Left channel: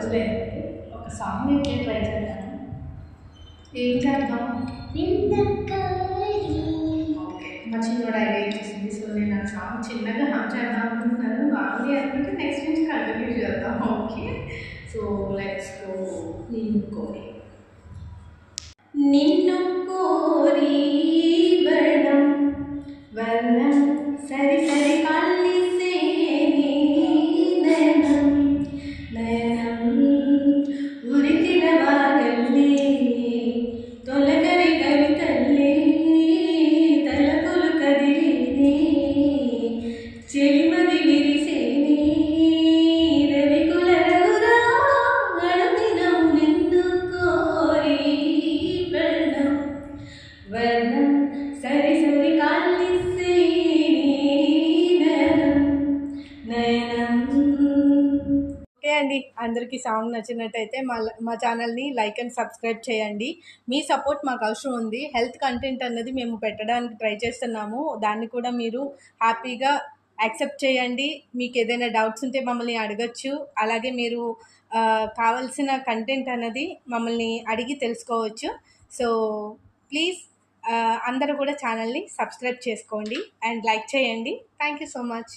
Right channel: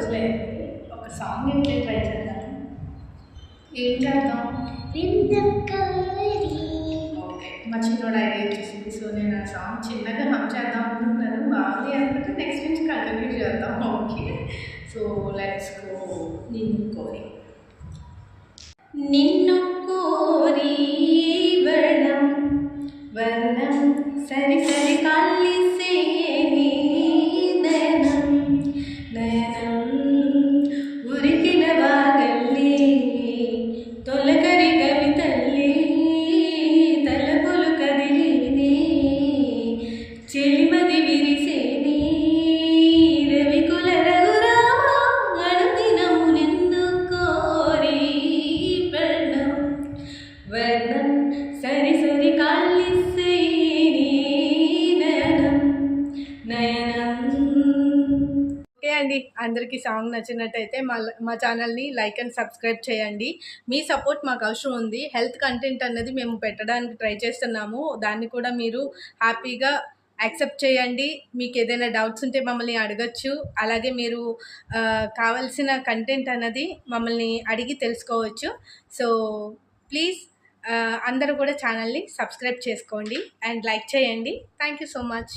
రోజులైంది. ఒక సాంగ్ అయితే ట్రై చేద్దాము. ఏం చేద్దాం? ఓకే, మా చిన్నోడు ఐడియా ఇచ్చేసింది. సో నేను ఆ సాంగ్ చిన్నగా హమ్ చేద్దాం అనుకుంటున్నాను. బాగుంది అనుకుంటే నెక్స్ట్ నుంచి కంటిన్యూ చేద్దాం. Okay, so let's go. నిన్ను కోరి నిన్ను కోరి వర్ణం వర్ణం సరి సరి కాలిసే నయనం నయనం ఉరికిన వాగల్లే తొలకరి కవితల్లే తలపులు కదిలేనే చెలిమది విరిసేనే రవికుల రఘురామ అనుదినము నిన్ను కోరి వర్ణం వర్ణం సరి సరి కాలిసే నయనం నయనం. ఓకే అండి, అందరికీ సాంగ్ నచ్చినట్టయితే మా ఛానల్ని లైక్ అండ్ సబ్స్క్రైబ్ చేయండి. మీ సపోర్ట్ మాకు అవసరం ఉంది. హెల్త్ కంటెంట్ అన్నది మేము పెట్టడానికి ట్రై చేస్తున్నాము. దాన్ని కూడా మీరు హ్యాపీగా యాక్సెప్ట్ చేయండి. మీకు ఏదైనా డౌట్స్ ఉంటే మమ్మల్ని అడగచ్చు. అలాగే మీరు కావాల్సిన కంటెంట్ అన్నది మమ్మల్ని అడిగి తెలుసుకోవచ్చు. సో ప్లీజ్ అందరూ కూడా ఛానల్ని సబ్స్క్రైబ్ చేసుకోండి అండ్ లైక్ చేయండి. Thank you so much.